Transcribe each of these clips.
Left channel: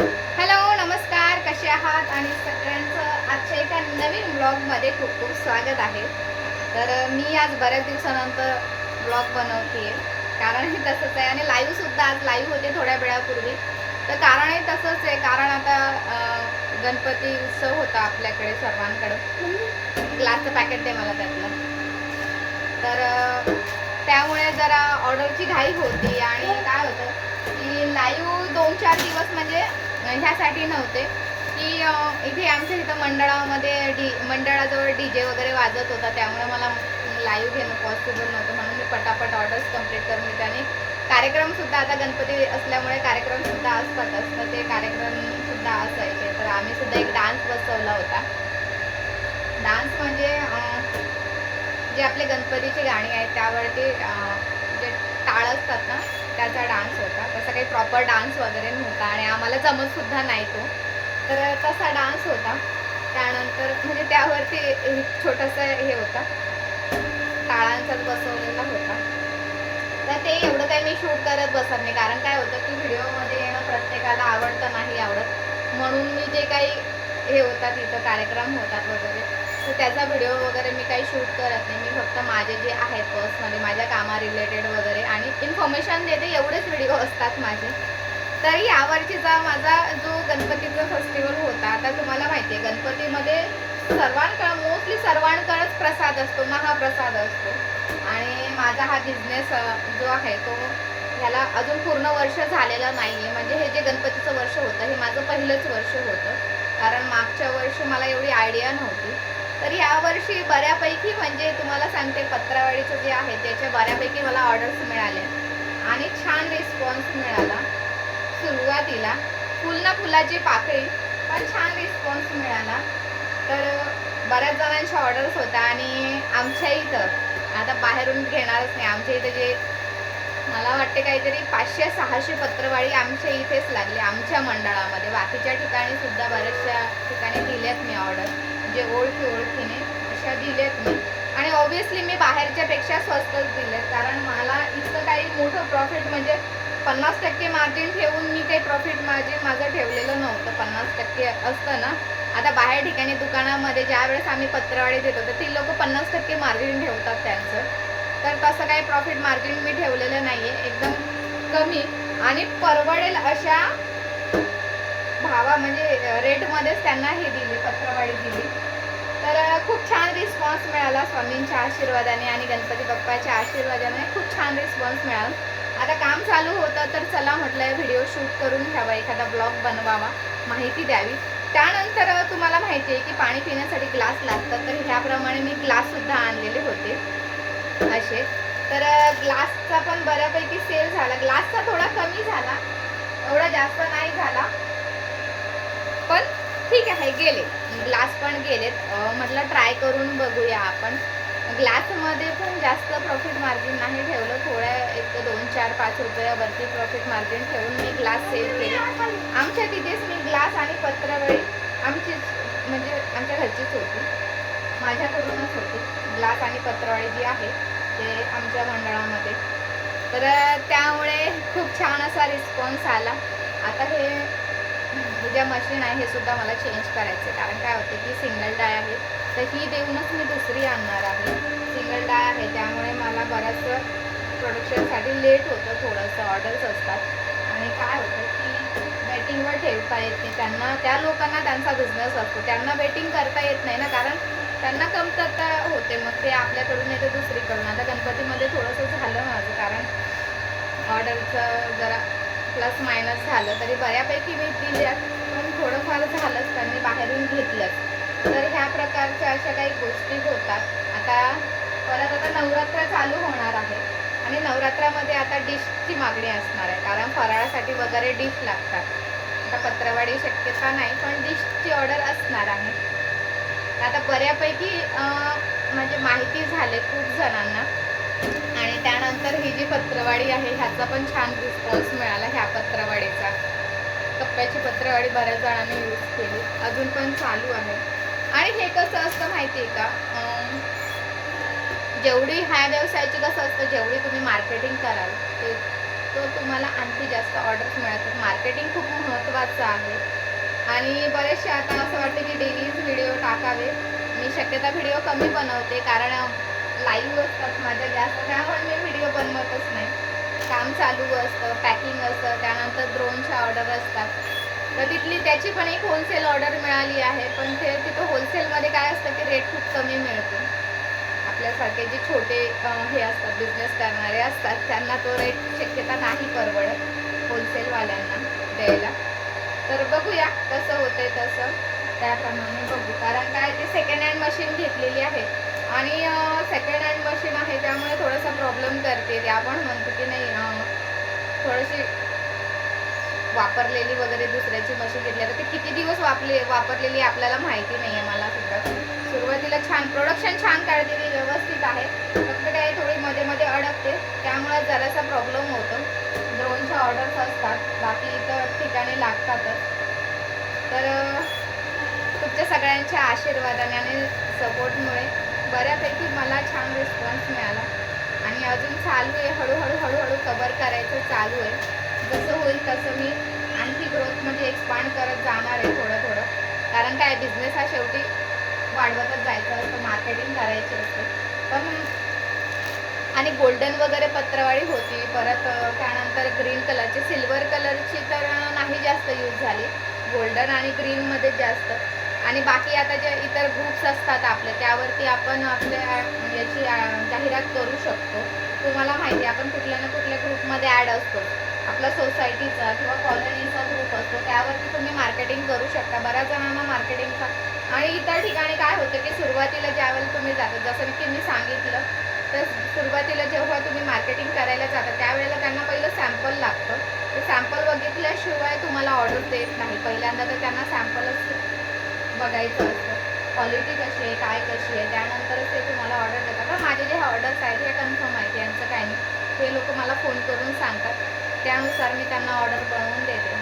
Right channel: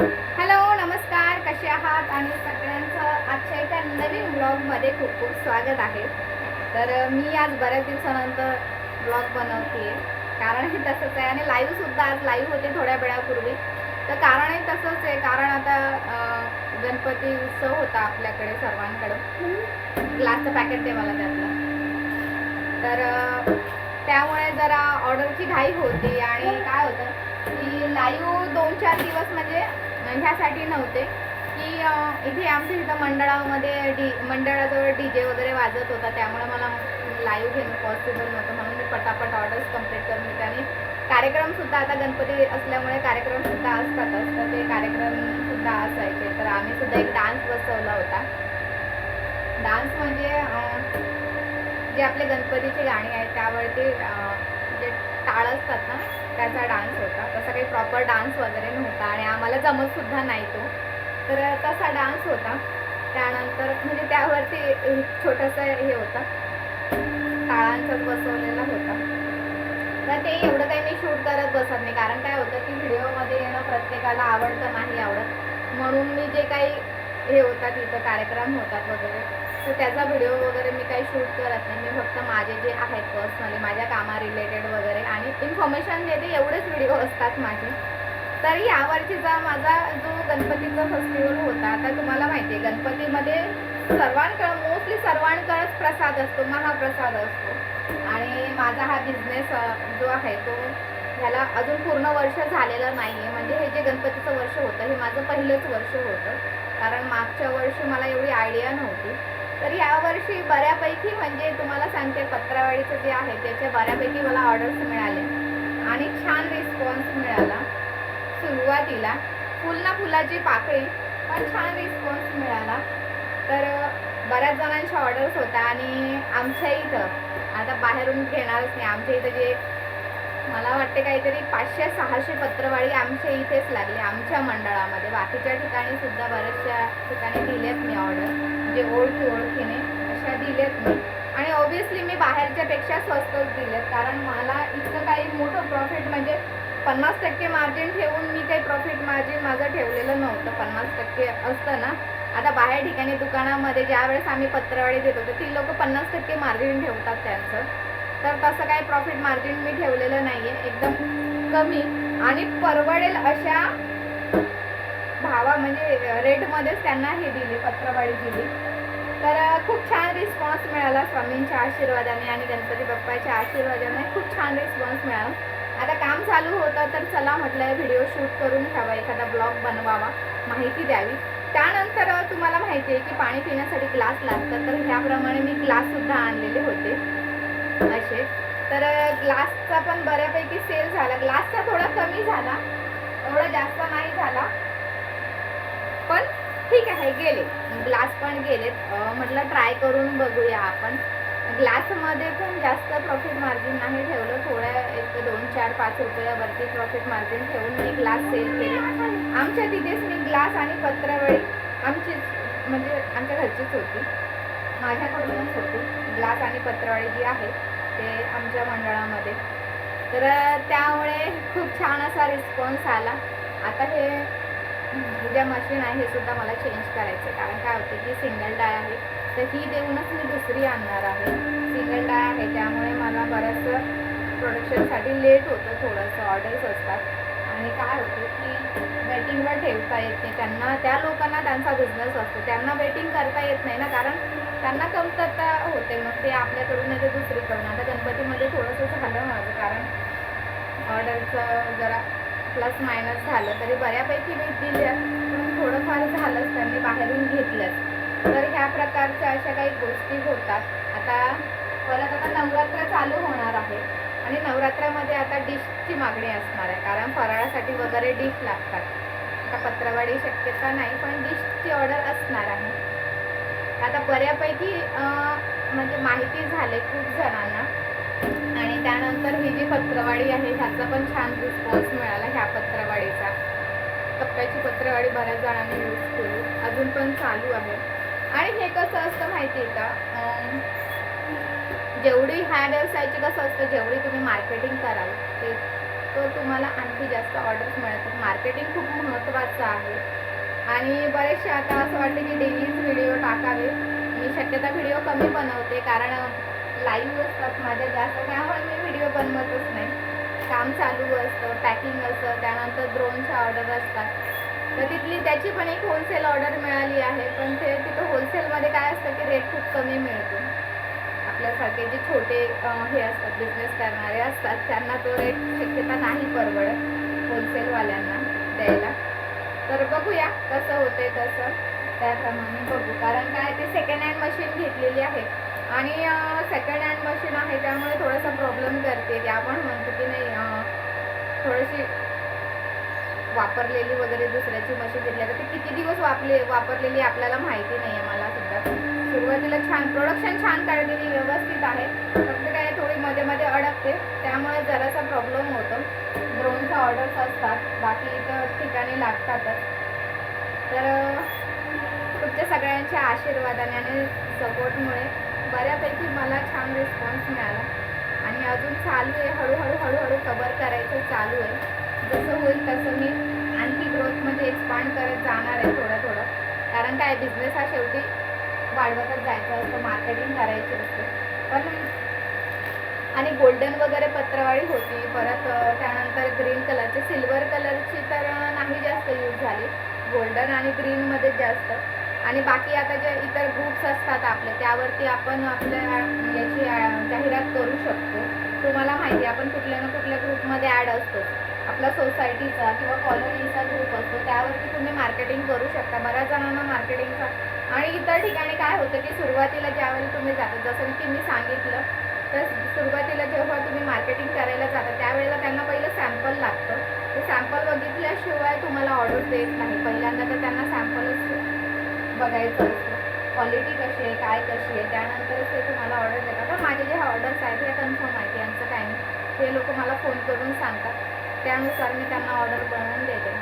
Hello नमस्कार कसे आहात? आणि सगळ्यांचं आजच्या एका नवीन ब्लॉगमध्ये खूप खूप स्वागत आहे. तर मी आज बऱ्याच दिवसानंतर ब्लॉग बनवते कारण हे तसंच आहे आणि लाईव्हसुद्धा आज लाईव्ह होते थोड्या वेळापूर्वी. तर कारणही तसंच आहे. कारण आता गणपती उत्सव होता आपल्याकडे सर्वांकडं. ग्लासचं पॅकेट दे मला त्यातलं. तर त्यामुळे जरा ऑर्डरची घाई होती आणि काय होतं की लाईव्ह दोन चार दिवस म्हणजे ह्यासाठी नव्हते. की इथे आमच्या इथं मंडळामध्ये डी मंडळाजवळ डी जे वगैरे वाजत होता. त्यामुळे मला लाईव्ह घेणं पॉसिबल नव्हतं. म्हणून मी पटापट ऑर्डर्स कंप्लीट करून घेते आणि कार्यक्रमसुद्धा आता गणपती असल्यामुळे कार्यक्रमसुद्धा असतात असतं ते कार्यक्रमसुद्धा असायचे. तर आम्ही सुद्धा एक डान्स बसवला होता. डान्स म्हणजे जे आपले गणपतीची गाणी आहेत त्यावरती जे टाळ असतात ना त्याचा डान्स होता. तसा काही प्रॉपर डान्स वगैरे नव्हता आणि आम्हाला जमतसुद्धा नाही तो. तर तसा डान्स होता. त्यानंतर म्हणजे त्यावरती छोटंसं हे होता. टाळांचाच बसवलेला होता. तर ते एवढं काही मी शूट करत बसत नाही. कारण काय होतं की व्हिडिओमध्ये येणं प्रत्येकाला आवडतं नाही आवडत. म्हणून मी जे काही हे होतात तिथं कार्यक्रम होतात वगैरे तर त्याचा व्हिडिओ वगैरे मी काही शूट करत नाही. मी फक्त माझे जे आहेत पर्सनली माझ्या कामा रिलेटेड वगैरे आणि इन्फॉर्मेशन देते एवढेच व्हिडिओ असतात माझे. तर यावर्षीचा माझा जो गणपतीचा फेस्टिवल होता तर तुम्हाला माहिती आहे गणपतीमध्ये सर्वांकडं मोस्टली सर्वांकडंच प्रसाद असतो महाप्रसाद असतो. आणि माझा हा बिझनेस जो आहे तो ह्याला अजून पूर्ण वर्ष झालेलं नाही आहे म्हणजे हे जे गणपतीचं वर्ष होतं हे माझं पहिलंच वर्ष होतं. कारण मागच्या वर्षी मला एवढी आयडिया नव्हती. तर यावर्षी बऱ्यापैकी म्हणजे तुम्हाला सांगते पत्रावळीचं जे आहे त्याच्या बऱ्यापैकी मला ऑर्डर्स मिळाले. आणि छान रिस्पॉन्स मिळाला सुरुवातीला. फुल ना फुलाची पाकळी पण छान रिस्पॉन्स मिळाला. तर बऱ्याच जणांच्या ऑर्डर्स होता आणि आमच्या इथं. आता बाहेरून घेणारच नाही. आमच्या इथं जे मला वाटते काहीतरी पाचशे सहाशे पत्रवाळी आमच्या इथेच लागली आमच्या मंडळामध्ये. बाकीच्या ठिकाणी सुद्धा बऱ्याचशा ठिकाणी दिल्यात मी ऑर्डर म्हणजे ओळखी ओळखीने अशा दिल्यात मी. आणि ऑब्विसली मी बाहेरच्या पेक्षा स्वस्तच दिलेत. कारण मला इतकं काही मोठं प्रॉफिट म्हणजे पन्नास टक्के मार्जिन ठेवून मी काही प्रॉफिट मार्जिन माझं ठेवलेलं नव्हतं. पन्नास टक्के असतं ना. आता बाहेर ठिकाणी दुकानामध्ये ज्या वेळेस आम्ही पत्रवाळी देतो तर ती लोक पन्नास टक्के मार्जिन ठेवतात त्यांचं. तर तसं काही प्रॉफिट मार्जिन मी ठेवलेलं नाही आहे एकदम कमी. आणि परवडेल अशा भावा म्हणजे रेटमध्येच त्यांना हे दिले पत्रवाळी दिली. तर खूप छान रिस्पॉन्स मिळाला स्वामींच्या आशीर्वादाने आणि गणपती बाप्पाच्या आशीर्वादाने खूप छान रिस्पॉन्स मिळाला. आता काम चालू होतं तर चला म्हटलं व्हिडिओ शूट करून घ्यावा एखादा ब्लॉग बनवावा माहिती द्यावी. त्यानंतर तुम्हाला माहिती आहे की पाणी पिण्यासाठी ग्लास लागतात तर ह्याप्रमाणे मी ग्लाससुद्धा आणलेले होते. असे. तर ग्लासचा पण बऱ्यापैकी सेल झाला. ग्लासचा थोडा कमी झाला. एवढा जास्त नाही झाला. पण ठीक आहे गेले. ग्लास पण गेलेत. म्हटलं ट्राय करून बघूया आपण. ग्लासमध्ये पण जास्त प्रॉफिट मार्जिन नाही ठेवलं. थोड्या एक दोन चार पाच रुपयावरती प्रॉफिट मार्जिन ठेवून मी ग्लास सेल केले. आमच्या तिथेच मी ग्लास आणि पत्रावळी आमचीच म्हणजे आमच्या घरचीच होती. माझ्याकडूनच होती. ग्लास आणि पत्रावळी जी आहे ते आमच्या मंडळामध्ये. तर त्यामुळे खूप छान असा रिस्पॉन्स आला. आता हे ज्या मशीन आहे हे सुद्धा मला चेंज करायचं कारण काय होते की सिंगल डाय आहे. तर ही देऊनच मी दुसरी आणणार आहे. सिंगल डाय आहे. त्यामुळे मला बरंचसं प्रोडक्शनसाठी लेट होतं. थोडंसं ऑर्डर्स असतात. आणि काय होतं की वेटिंगवर ठेवता येत नाही. त्यांना त्या लोकांना त्यांचा बिझनेस असतो. त्यांना वेटिंग करता येत नाही ना. कारण त्यांना कमतरता होते मग ते आपल्याकडून येते तर दुसरीकडून. आता गणपतीमध्ये थोडंसं झालं माझं कारण ऑर्डरचं जरा प्लस मायनस झालं तरी बऱ्यापैकी मी दिल्या पण थोडंफार झालंच त्यांनी बाहेरून घेतलंच. तर ह्या प्रकारच्या अशा काही गोष्टी होतात. आता परत आता नवरात्र चालू होणार आहे आणि नवरात्रामध्ये आता डिशची मागणी असणार आहे कारण फराळासाठी वगैरे डिश लागतात. आता पत्रवाडी शक्यता नाही पण डिशची ऑर्डर असणार आहे. आता बऱ्यापैकी म्हणजे माहिती झाले खूप जणांना. आणि त्यानंतर ही जी पत्रवाडी आहे ह्याचा पण छान रिस्पॉन्स मिळाला ह्या पत्रवाडीचा. कप्प्याची पत्रवाडी बऱ्याच जणांनी यूज केली. अजून पण चालू आहे. आणि हे कसं असतं माहिती आहे का जेवढी ह्या व्यवसायाची कसं असतं जेवढी तुम्ही मार्केटिंग कराल ते तो तुम्हाला आणखी जास्त ऑर्डर्स मिळतात. मार्केटिंग खूप महत्त्वाचं आहे. आणि बरेचसे आता असं वाटतं की डेलीज व्हिडिओ टाकावे मी शक्यता व्हिडिओ कमी बनवते कारण लाईव्ह असतात माझ्या जास्त त्यामुळे मी व्हिडिओ बनवतच नाही. काम चालू असतं पॅकिंग असतं त्यानंतर ड्रोनच्या ऑर्डर असतात. तर तिथली त्याची पण एक होलसेल ऑर्डर मिळाली आहे पण ते तिथं होलसेलमध्ये काय असतं की रेट खूप कमी मिळतो. आपल्यासारखे जे छोटे हे असतात बिझनेस करणारे असतात त्यांना तो रेट शक्यता नाही परवडत होलसेलवाल्यांना द्यायला. तर बघूया कसं होतंय तसं. त्याप्रमाणे बघू. कारण काय ते सेकंड हँड मशीन घेतलेली आहे. आणि सेकंड हँड मशीन आहे त्यामुळे थोडासा प्रॉब्लेम करते. ते आपण म्हणतो की नाही थोडीशी वापरलेली वगैरे दुसऱ्याची मशीन घेतली. तर ते किती दिवस वापले वापरलेली आपल्याला माहिती नाही आहे मला सुद्धा. सुरुवातीला छान प्रोडक्शन छान काढते ती व्यवस्थित आहे. फक्त लागते. त्यामुळे जरासा प्रॉब्लेम होतो. ड्रोनच्या ऑर्डर्स असतात. बाकी इतर ठिकाणी लागतातच. तर तुमच्या सगळ्यांच्या आशीर्वादाने आणि सपोर्टमुळे बऱ्यापैकी मला छान रिस्पॉन्स मिळाला. आणि अजून चालू आहे. हळूहळू हळूहळू कवर करायचं चालू आहे. जसं होईल तसं मी आणखी ग्रोथ म्हणजे एक्सपांड करत जाणार आहे थोडं थोडं. कारण काय बिझनेस हा शेवटी वाढवतच जायचं असतं. मार्केटिंग करायची असते. पण आणि गोल्डन वगैरे पत्रवाळी होती. परत त्यानंतर ग्रीन कलरची सिल्वर कलरची तर नाही जास्त यूज झाली. गोल्डन आणि ग्रीनमध्ये जास्त. आणि बाकी आता जे इतर ग्रुप्स असतात आपले त्यावरती आपण आपल्या म्हणजे याची जाहिरात करू शकतो. तुम्हाला माहिती आपण कुठल्या ना कुठल्या ग्रुपमध्ये ॲड असतो. आपला सोसायटीचा किंवा कॉलनीचा ग्रुप असतो त्यावरती तुम्ही मार्केटिंग करू शकता. बऱ्याच जणांना मार्केटिंगचा आणि इतर ठिकाणी काय होतं की सुरुवातीला ज्यावेळेला तुम्ही जाता जसं की मी सांगितलं तर सुरुवातीला जेव्हा तुम्ही मार्केटिंग करायला जाता त्यावेळेला त्यांना पहिलं सॅम्पल लागतं. ते सॅम्पल बघितल्याशिवाय तुम्हाला ऑर्डर देत नाही. पहिल्यांदा तर त्यांना सॅम्पलच बघायचं असतं. क्वालिटी कशी आहे काय कशी आहे त्यानंतरच ते तुम्हाला ऑर्डर देतात. तर माझे जे ऑर्डर्स आहेत हे कन्फर्म आहेत यांचं काय नाही. ते लोक मला फोन करून सांगतात. त्यानुसार मी त्यांना ऑर्डर बनवून देते.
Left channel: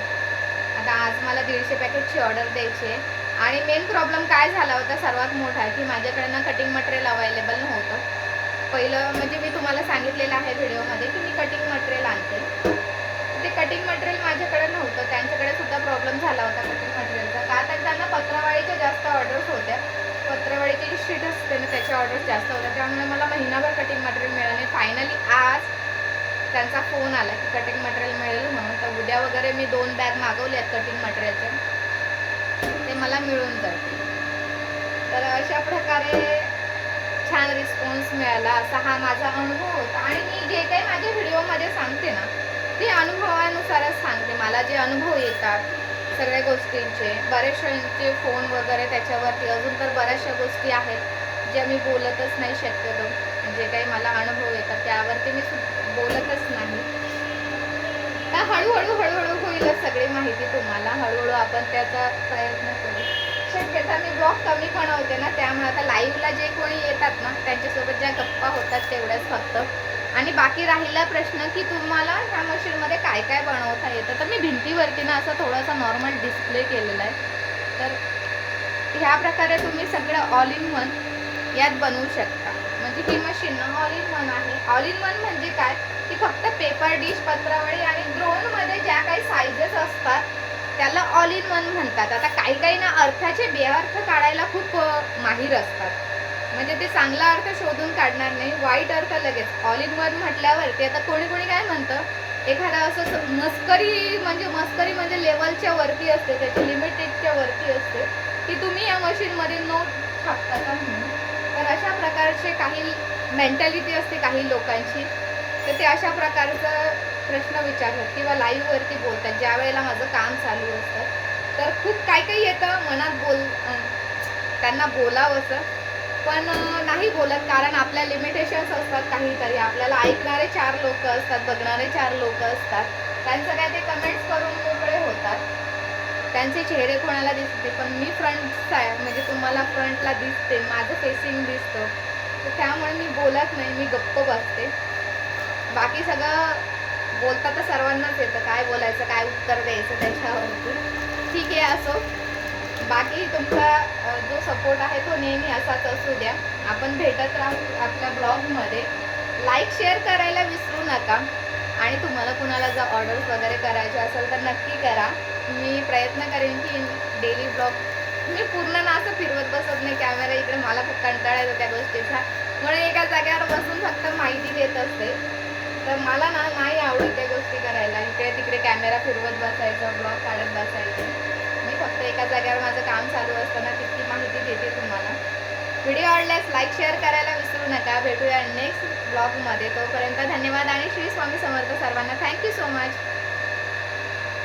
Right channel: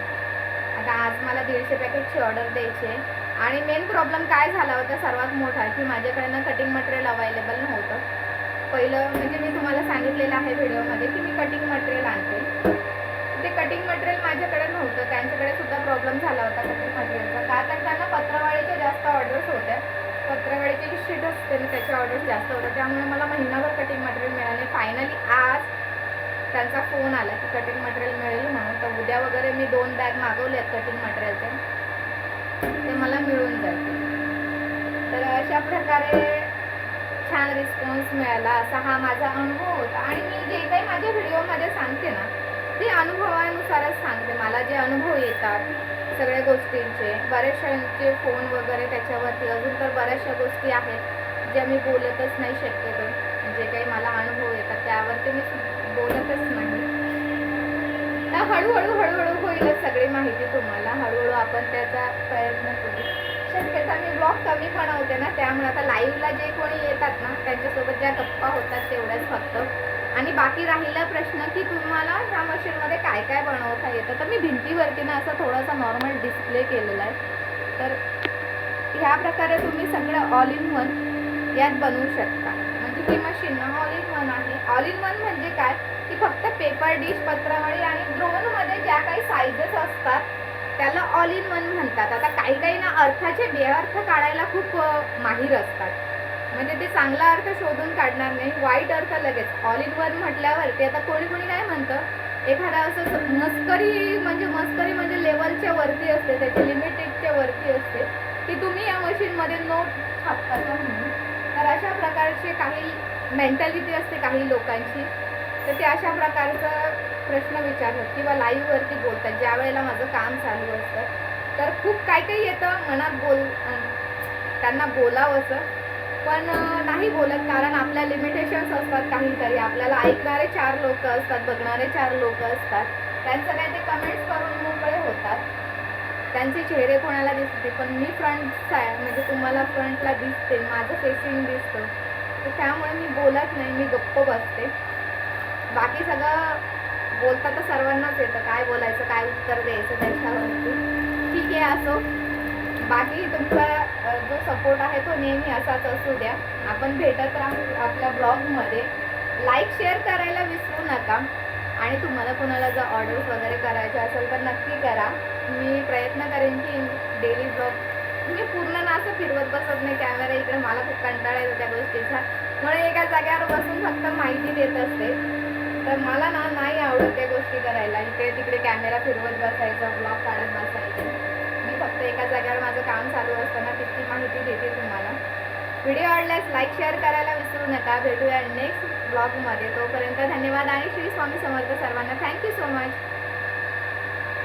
आता आज मला दीडशे पॅकेटची ऑर्डर द्यायची आहे. आणि मेन प्रॉब्लेम काय झाला होता सर्वात मोठा की माझ्याकडनं कटिंग मटेरियल अवेलेबल नव्हतं. पहिलं म्हणजे मी तुम्हाला सांगितलेलं आहे व्हिडिओमध्ये की मी कटिंग मटेरियल आणते. ते कटिंग मटेरियल माझ्याकडे नव्हतं. त्यांच्याकडे सुद्धा प्रॉब्लेम झाला होता कटिंग मटेरियलचा का? तर त्यांना पत्रावळीच्या जास्त ऑर्डर्स होत्या. पत्रावळीची शीट असते आणि त्याच्या ऑर्डर्स जास्त होत्या त्यामुळे मला महिनाभर कटिंग मटेरियल मिळाले. फायनली आज त्यांचा फोन आला की कटिंग मटेरियल मिळेल म्हणून. तर उद्या वगैरे मी दोन बॅग मागवले आहेत कटिंग मटेरियलचे ते मला मिळून जाते तर अशा प्रकारे रिस्पॉन्स मिळाला असा हा माझा अनुभव होता. आणि मी जे काही माझ्या व्हिडिओमध्ये सांगते ना ते अनुभवानुसारच सांगते. मला जे अनुभव येतात सगळ्या गोष्टींचे बऱ्याचशांचे फोन वगैरे त्याच्यावरती अजून तर बऱ्याचशा गोष्टी आहेत ज्या मी बोलतच नाही शक्यतो. जे काही मला अनुभव येतात त्यावरती मी बोलतच नाही. तर हळूहळू हळूहळू होईलच सगळी माहिती तुम्हाला. हळूहळू आपण त्याचा प्रयत्न करू. शक्यता मी ब्लॉग कमी बनवते ना त्यामुळे आता लाईव्हला जे कोणी येतात ना त्यांच्यासोबत ज्या गप्पा होतात तेवढ्याच फक्त. आणि बाकी राहिला प्रश्न की तुम्हाला ह्या मशीनमध्ये काय काय बनवता येतं? तर मी भिंतीवरती ना असं थोडासा नॉर्मल डिस्प्ले केलेला आहे. तर ह्या प्रकारे तुम्ही सगळं ऑल इन वन यात बनवू शकता. म्हणजे ही मशीन ना ऑल इन वन आहे. ऑल इन वन म्हणजे काय? की फक्त पेपर डिश पत्रावळी आणि ड्रोनमध्ये ज्या काही साईजेस असतात त्याला ऑल इन वन म्हणतात. आता काही काही ना अर्थाचे बेअर्थ काढायला खूप माहीर असतात. म्हणजे ते चांगला अर्थ शोधून काढणार नाही वाईट अर्थ लगेच. ऑल इन वन म्हटल्यावरती आता कोणी कोणी काय म्हणतं? एखादा असं मस्करी म्हणजे मस्करी म्हणजे लेवलच्या वरती असते त्याच्या लिमिटेडच्या वरती असते की तुम्ही या मशीनमध्ये नोट छापता का म्हणून? तर अशा प्रकारचे काही मेंटॅलिटी असते काही लोकांची. तर ते अशा प्रकारचं प्रश्न विचारतात किंवा लाईव्हवरती बोलतात ज्या वेळेला माझं काम चालू असतं. तर खूप काय काही येतं मनात बोल त्यांना बोलावंसं. पण नाही बोलत कारण आपल्या लिमिटेशन्स असतात काहीतरी. आपल्याला ऐकणारे चार लोक असतात बघणारे चार लोक असतात. त्यांचं काय ते कमेंट्स करून मोकळे होतात. त्यांचे चेहरे कोणाला दिसते पण मी फ्रंट म्हणजे तुम्हाला फ्रंटला दिसते माझं फेसिंग दिसतं. तर त्यामुळे मी बोलत नाही मी गप्प बसते. बाकी सगळं बोलता तर सर्वांनाच येतं काय बोलायचं काय उत्तर द्यायचं त्याच्यावरती. ठीक आहे असो. बाकी तुमचा जो सपोर्ट आहे तो नेहमी असाच असू द्या. आपण भेटत राहू आपल्या ब्लॉगमध्ये. लाईक शेअर करायला विसरू नका. आणि तुम्हाला कुणाला जर ऑर्डर्स वगैरे करायचे असेल तर नक्की करा. मी प्रयत्न करेन की डेली ब्लॉग मी पूर्ण ना असं फिरवत बसत नाही. कॅमेरा इकडे मला खूप कंटाळा येतो त्या गोष्टीचा. म्हणून एका जागेवर बसून फक्त माहिती देत असते. तर मला ना नाही आवडत त्या गोष्टी करायला. इकडे तिकडे कॅमेरा फिरवत बसायचं ब्लॉग काढत बसायचं. मी फक्त एका जागेवर माझं काम चालू असताना तितकी माहिती देते तुम्हाला. व्हिडिओ आवडल्यास लाईक शेअर करायला विसरू नका. भेटूया नेक्स्ट ब्लॉगमध्ये तोपर्यंत धन्यवाद आणि श्री स्वामी समर्थ सर्वांना. Thank you so much